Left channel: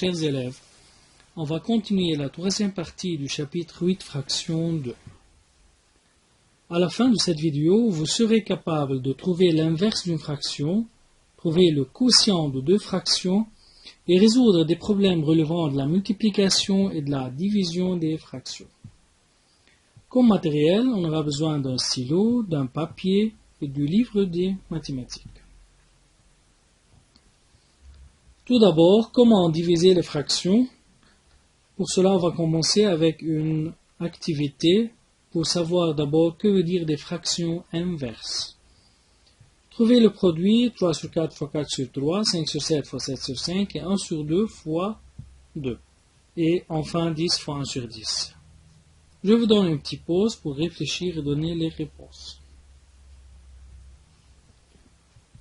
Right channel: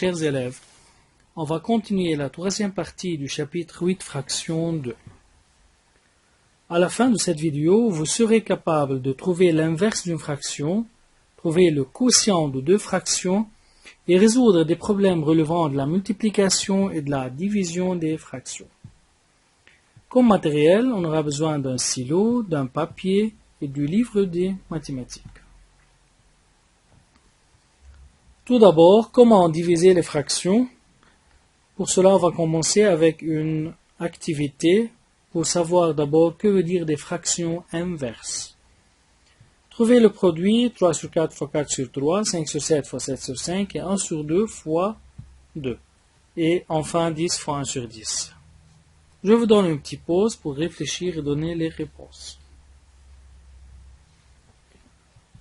chers élèves, on va continuer la troisième partie du chapitre 8, fraction 2. À la fin de cette vidéo, vous serez capable de trouver l'inverse d'une fraction, trouver le quotient de deux fractions et résoudre des problèmes relevant de la multiplication et de la division des fractions. Comme matériel, on aura besoin d'un stylo, d'un papier et du livre des mathématiques. Tout d'abord, comment diviser les fractions? Pour cela, on va commencer avec une activité pour savoir d'abord que veut dire des fractions inverses. Trouvez le produit 3 sur 4 fois 4 sur 3, 5 sur 7 fois 7 sur 5 et 1 sur 2 fois 2. Et enfin 10 fois 1 sur 10. Je vous donne une petite pause pour réfléchir et donner les réponses.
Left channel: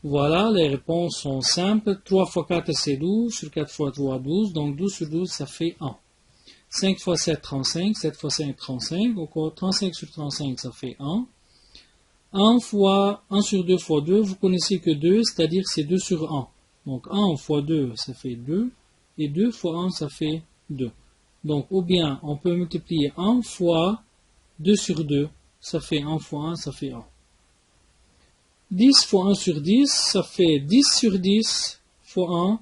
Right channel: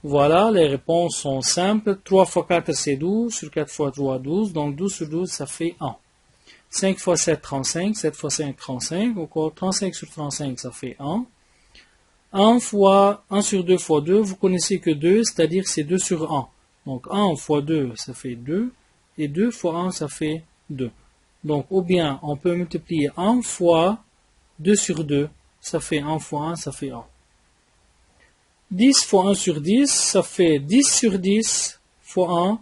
Voilà, les réponses sont simples. 3 fois 4 c'est 12, sur 4 fois 3 12, donc 12 sur 12 ça fait 1. 5 fois 7 35, 7 fois 5 35, encore 35 sur 35 ça fait 1. 1 fois 1 sur 2 fois 2, vous connaissez que 2, c'est-à-dire c'est 2 sur 1. Donc 1 fois 2 ça fait 2, et 2 fois 1 ça fait 2. Donc ou bien on peut multiplier 1 fois 2 sur 2, ça fait 1 fois 1, ça fait 1. 10 fois 1 sur 10, ça fait 10 sur 10 fois 1,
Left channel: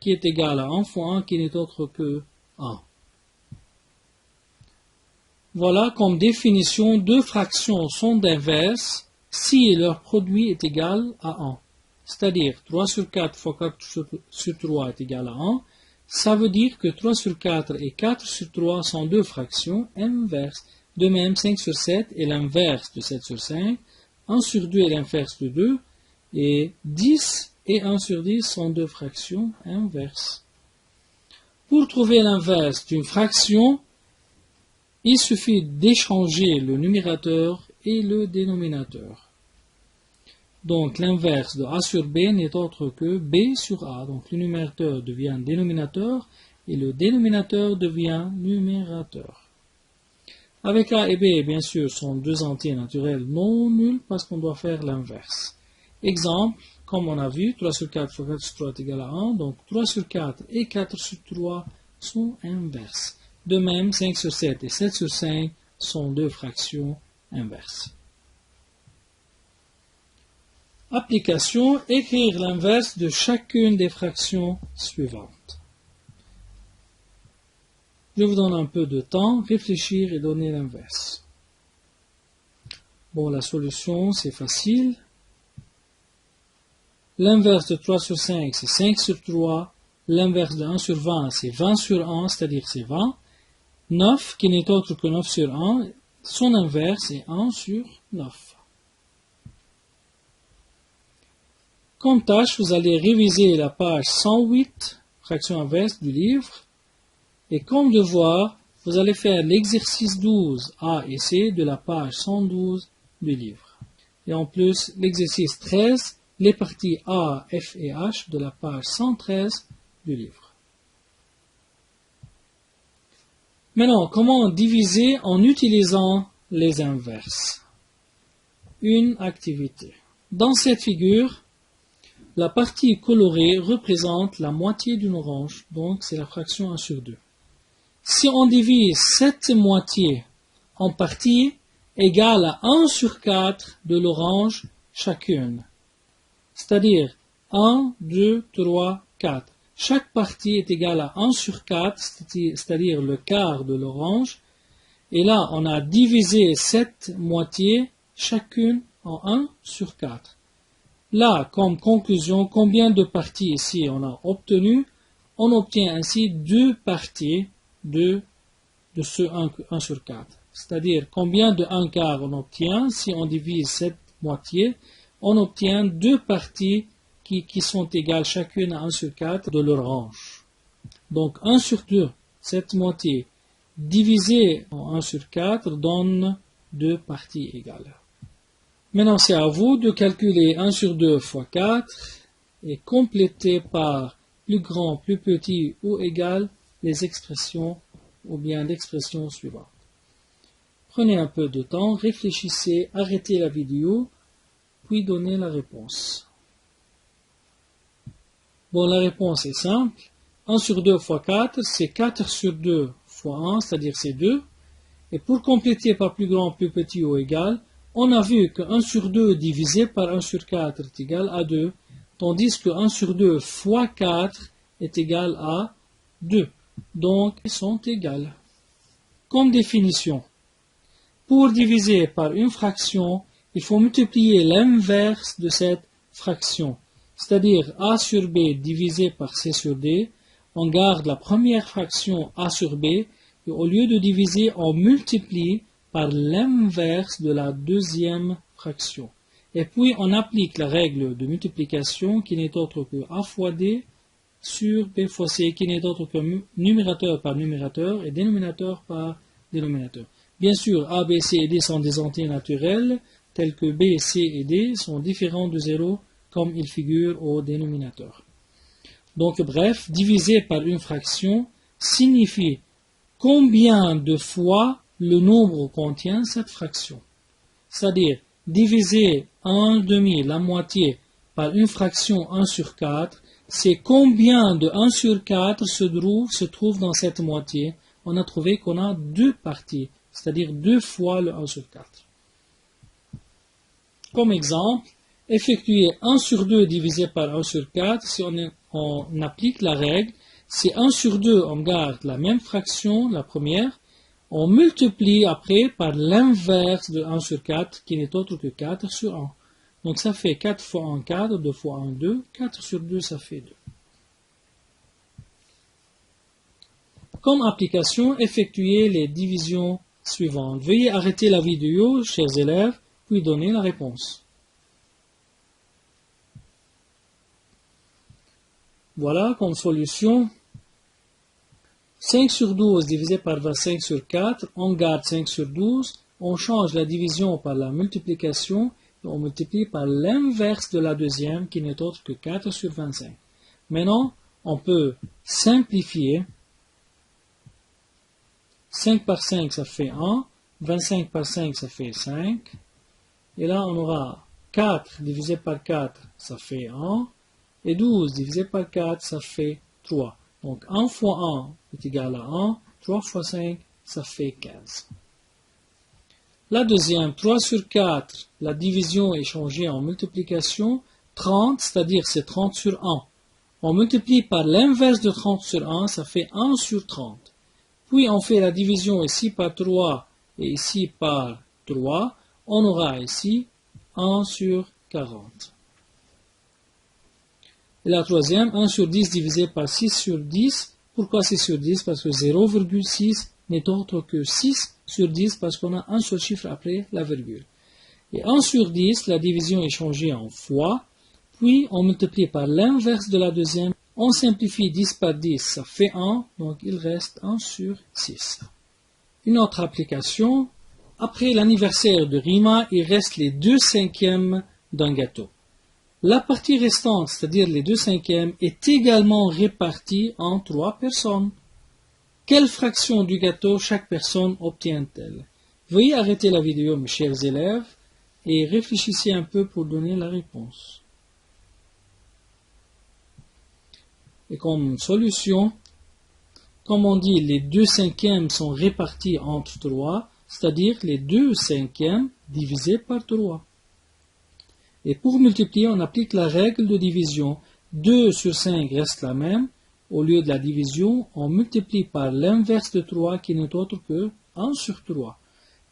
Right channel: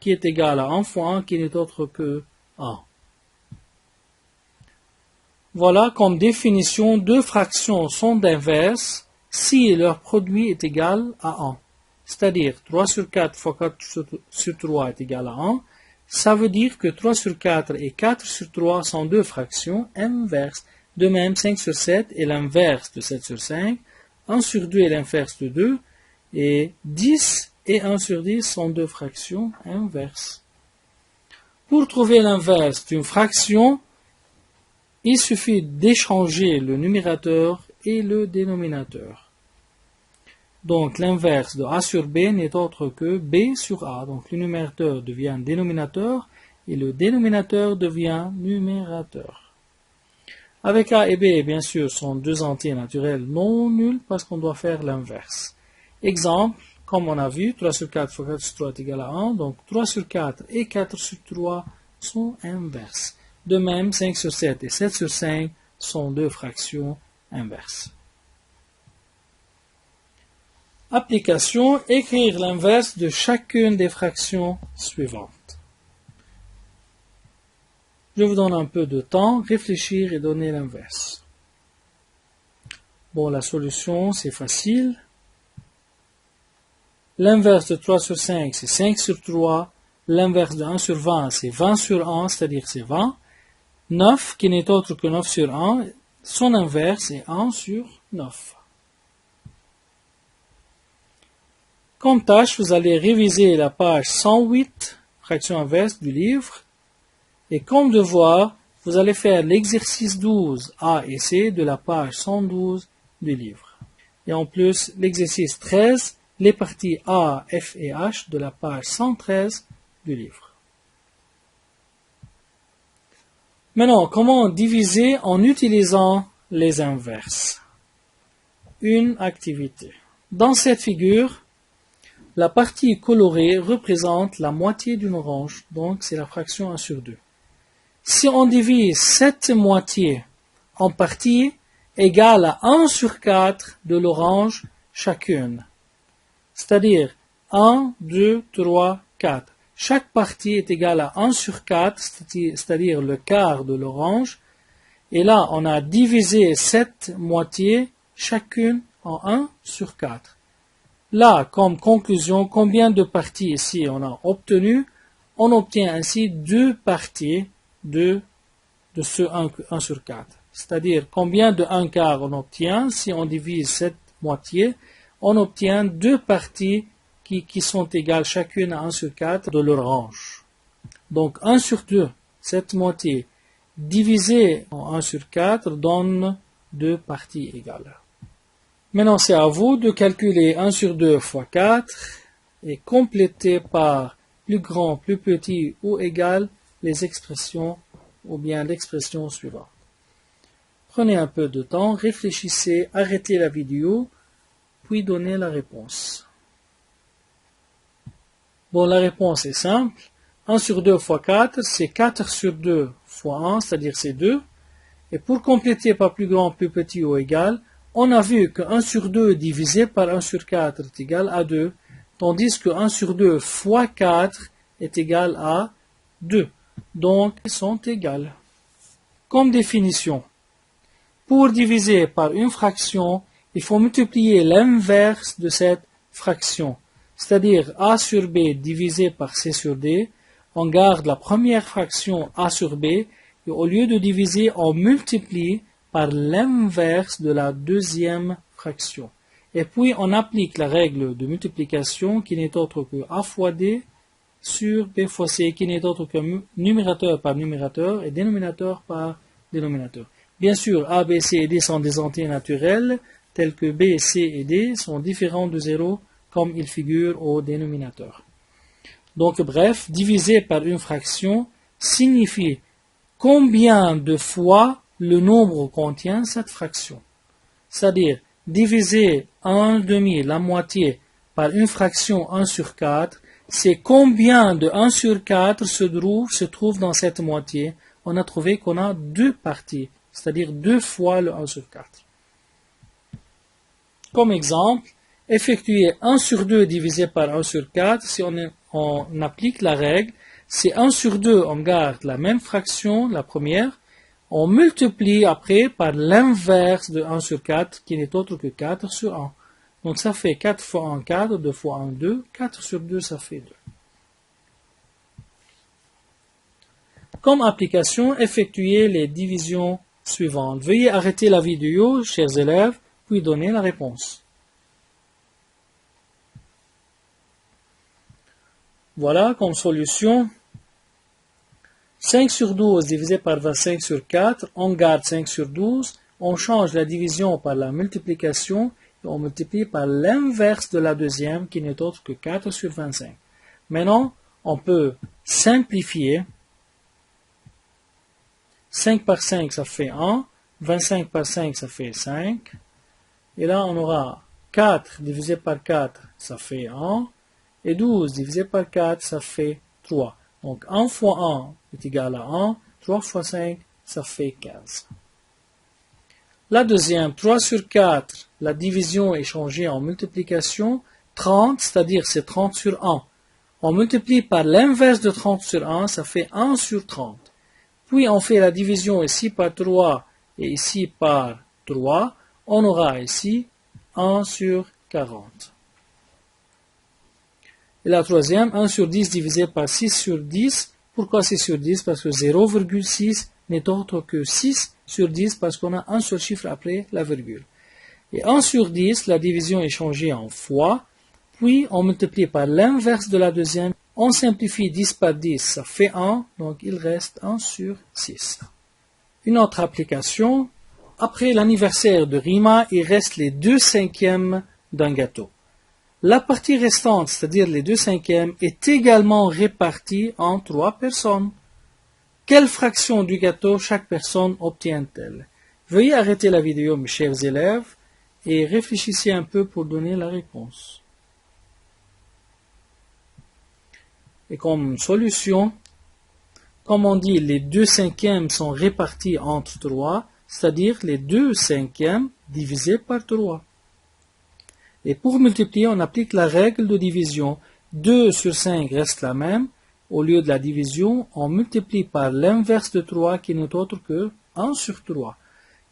qui est égal à 1 fois 1, qui n'est autre que 1. Voilà, comme définition, deux fractions sont d'inverses si leur produit est égal à 1. C'est-à-dire 3 sur 4 fois 4 sur 3 est égal à 1. Ça veut dire que 3 sur 4 et 4 sur 3 sont deux fractions inverses. De même, 5 sur 7 est l'inverse de 7 sur 5. 1 sur 2 est l'inverse de 2, et 10 et 1 sur 10 sont deux fractions inverses. Pour trouver l'inverse d'une fraction, il suffit d'échanger le numérateur et le dénominateur. Donc l'inverse de A sur B n'est autre que B sur A. Donc le numérateur devient dénominateur et le dénominateur devient numérateur. Avec A et B, bien sûr, sont deux entiers naturels non nuls parce qu'on doit faire l'inverse. Exemple, comme on a vu, 3 sur 4 fois 4 sur 3 est égal à 1. Donc 3 sur 4 et 4 sur 3 sont inverses. De même, 5 sur 7 et 7 sur 5 sont deux fractions inverses. Application, écrire l'inverse de chacune des fractions suivantes. Je vous donne un peu de temps, réfléchir et donner l'inverse. Bon, la solution, c'est facile. L'inverse de 3 sur 5, c'est 5 sur 3. L'inverse de 1 sur 20, c'est 20 sur 1, c'est-à-dire c'est 20. 9, qui n'est autre que 9 sur 1, son inverse est 1 sur 9. Comme tâche, vous allez réviser la page 108, fraction inverse du livre. Et comme devoir, vous allez faire l'exercice 12 A et C de la page 112 du livre. Et en plus, l'exercice 13, les parties A, F et H de la page 113 du livre. Maintenant, comment diviser en utilisant les inverses? Une activité. Dans cette figure, la partie colorée représente la moitié d'une orange, donc c'est la fraction 1 sur 2. Si on divise cette moitié en parties égales à 1 sur 4 de l'orange chacune, c'est-à-dire 1, 2, 3, 4. Chaque partie est égale à 1 sur 4, c'est-à-dire le quart de l'orange. Et là, on a divisé cette moitié chacune en 1 sur 4. Là, comme conclusion, combien de parties ici on a obtenu? On obtient ainsi deux parties de ce 1 sur 4. C'est-à-dire combien de 1 quart on obtient si on divise cette moitié? On obtient deux parties qui sont égales chacune à 1 sur 4 de l'orange. Donc 1 sur 2, cette moitié, divisé en 1 sur 4 donne deux parties égales. Maintenant, c'est à vous de calculer 1 sur 2 fois 4 et compléter par plus grand, plus petit ou égal les expressions ou bien l'expression suivante. Prenez un peu de temps, réfléchissez, arrêtez la vidéo, puis donnez la réponse. Bon, la réponse est simple. 1 sur 2 fois 4, c'est 4 sur 2 fois 1, c'est-à-dire c'est 2. Et pour compléter par plus grand, plus petit ou égal, on a vu que 1 sur 2 divisé par 1 sur 4 est égal à 2, tandis que 1 sur 2 fois 4 est égal à 2. Donc, ils sont égales. Comme définition, pour diviser par une fraction, il faut multiplier l'inverse de cette fraction, c'est-à-dire a sur b divisé par c sur d. On garde la première fraction a sur b, et au lieu de diviser, on multiplie par l'inverse de la deuxième fraction. Et puis, on applique la règle de multiplication qui n'est autre que a fois d sur b fois c, qui n'est autre que numérateur par numérateur et dénominateur par dénominateur. Bien sûr, a, b, c et d sont des entiers naturels, tels que b, c et d sont différents de 0, comme ils figurent au dénominateur. Donc, bref, diviser par une fraction signifie combien de fois le nombre contient cette fraction. C'est-à-dire, diviser 1/2, la moitié, par une fraction 1 sur 4, c'est combien de 1 sur 4 se trouve dans cette moitié. On a trouvé qu'on a deux parties, c'est-à-dire 2 fois le 1 sur 4. Comme exemple, effectuer 1 sur 2 divisé par 1 sur 4, si on applique la règle, c'est 1 sur 2, on garde la même fraction, la première, on multiplie après par l'inverse de 1 sur 4, qui n'est autre que 4 sur 1. Donc ça fait 4 fois 1, 4, 2 fois 1, 2, 4 sur 2, ça fait 2. Comme application, effectuez les divisions suivantes. Veuillez arrêter la vidéo, chers élèves, puis donner la réponse. Voilà comme solution. 5 sur 12 divisé par 25 sur 4, on garde 5 sur 12, on change la division par la multiplication et on multiplie par l'inverse de la deuxième qui n'est autre que 4 sur 25. Maintenant, on peut simplifier. 5 par 5, ça fait 1. 25 par 5, ça fait 5. Et là, on aura 4 divisé par 4, ça fait 1. Et 12 divisé par 4, ça fait 3. Donc 1 fois 1 est égal à 1. 3 fois 5, ça fait 15. La deuxième, 3 sur 4, la division est changée en multiplication. 30, c'est-à-dire c'est 30 sur 1. On multiplie par l'inverse de 30 sur 1, ça fait 1 sur 30. Puis on fait la division ici par 3 et ici par 3. On aura ici 1 sur 40. Et la troisième, 1 sur 10 divisé par 6 sur 10. Pourquoi 6 sur 10? Parce que 0,6 n'est autre que 6 sur 10 parce qu'on a un seul chiffre après la virgule. Et 1 sur 10, la division est changée en fois. Puis on multiplie par l'inverse de la deuxième. On simplifie 10 par 10, ça fait 1. Donc il reste 1 sur 6. Une autre application. Après l'anniversaire de Rima, il reste les 2/5 d'un gâteau. La partie restante, c'est-à-dire les 2/5, est également répartie en 3 personnes. Quelle fraction du gâteau chaque personne obtient-elle? Veuillez arrêter la vidéo, mes chers élèves, et réfléchissez un peu pour donner la réponse. Et comme solution, comme on dit, les 2/5 sont répartis entre 3, c'est-à-dire les 2/5 divisés par 3. Et pour multiplier, on applique la règle de division. 2 sur 5 reste la même. Au lieu de la division, on multiplie par l'inverse de 3 qui n'est autre que 1 sur 3.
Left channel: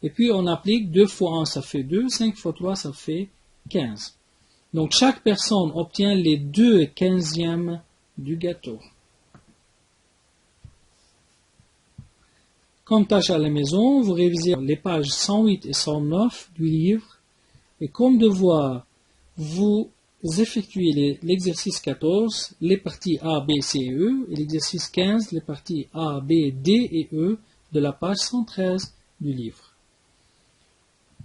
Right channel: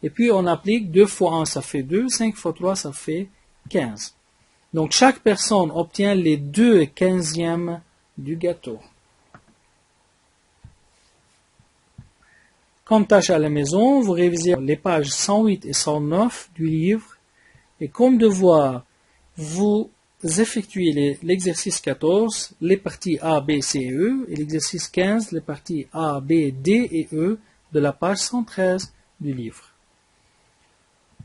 Et puis on applique 2 fois 1, ça fait 2. 5 fois 3, ça fait 15. Donc chaque personne obtient les 2/15 du gâteau. Comme tâche à la maison, vous révisez les pages 108 et 109 du livre. Et comme devoir, vous effectuez l'exercice 14, les parties A, B, C et E, et l'exercice 15, les parties A, B, D et E de la page 113 du livre.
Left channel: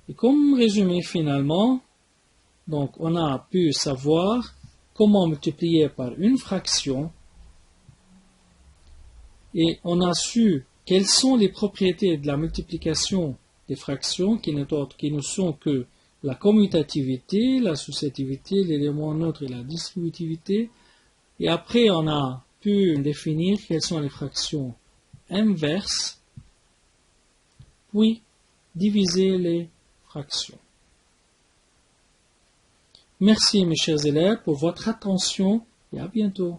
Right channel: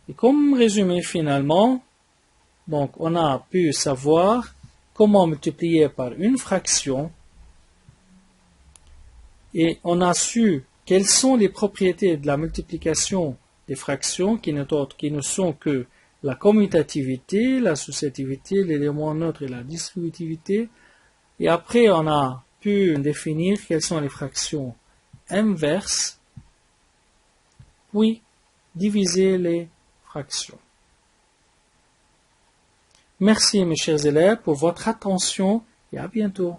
Et comme résumé finalement, donc on a pu savoir comment multiplier par une fraction et on a su quelles sont les propriétés de la multiplication des fractions qui ne sont que la commutativité, l'associativité, l'élément neutre et la distributivité. Et après, on a pu définir quelles sont les fractions inverses, puis diviser les fractions. Merci mes chers élèves pour votre attention et à bientôt.